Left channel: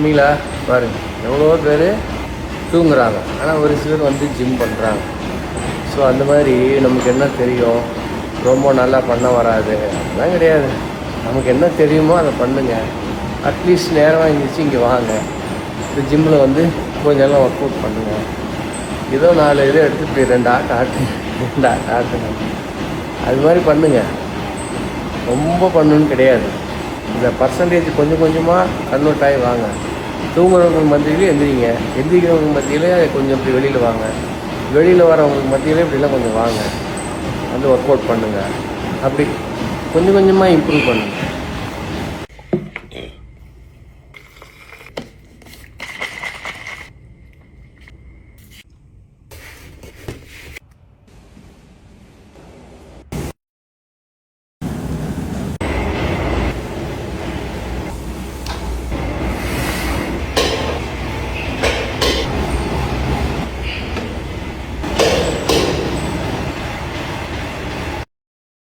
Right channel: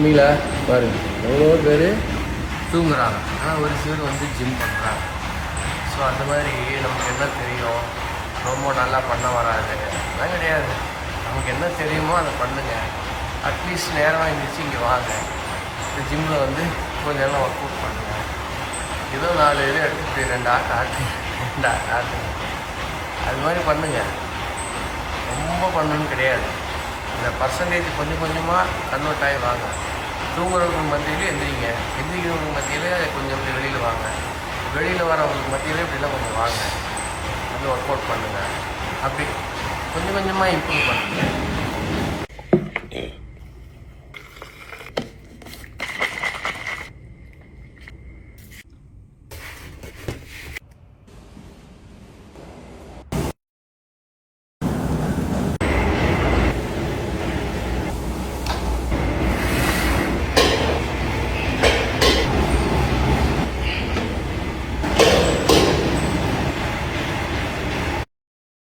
உண்மையில பாருங்கள் எவ்வளோ பேர் தூங்குறாங்க, ஆனால் ஒரு சிலர் வந்து ஜிம் பண்ணுறாங்க. ஸோ அந்த மாதிரி நமக்கு என்ன தெரியும், ரொம்ப நல்லா பண்ண வராது அதெல்லாம் கிடையாது. நமக்கு என்ன தெரியுமோ அதை பண்ணுங்கள். அட்லீஸ்ட் நேரமாக எழுந்திரிச்சு இங்கே வாங்க, இந்த ஜிம்மில் வந்து கொஞ்சம் நேரம் ஒர்க் அவுட் பண்ணுங்கள். ஏதோ 4 இதை எடுத்துகிட்டு 2 ஆட்டுங்க. அது மாதிரி பண்ணுங்கள். ரொம்ப பண்ணணுன்னு கிடையாது. இந்த பர்சன்டேஜ் கொஞ்சம் கொஞ்சமாக கன்வெர்ட் ஆகி வாங்க. தூங்குறவங்க மத்தியிலே எந்திரிங்க, எந்திரிக்கிறவங்க மத்தியிலே கொஞ்சம் இப்படி வெளியில் வாங்க, வெளியில் வரவங்களுக்கு மத்தியிலே இப்படிலாம் கொஞ்சம் வாங்க, வந்து ஒர்க் அவுட் பண்ணுங்கள். அப்படி கொஞ்சம் கொஞ்சமாக இம்ப்ரூவ் பண்ணுங்கள்.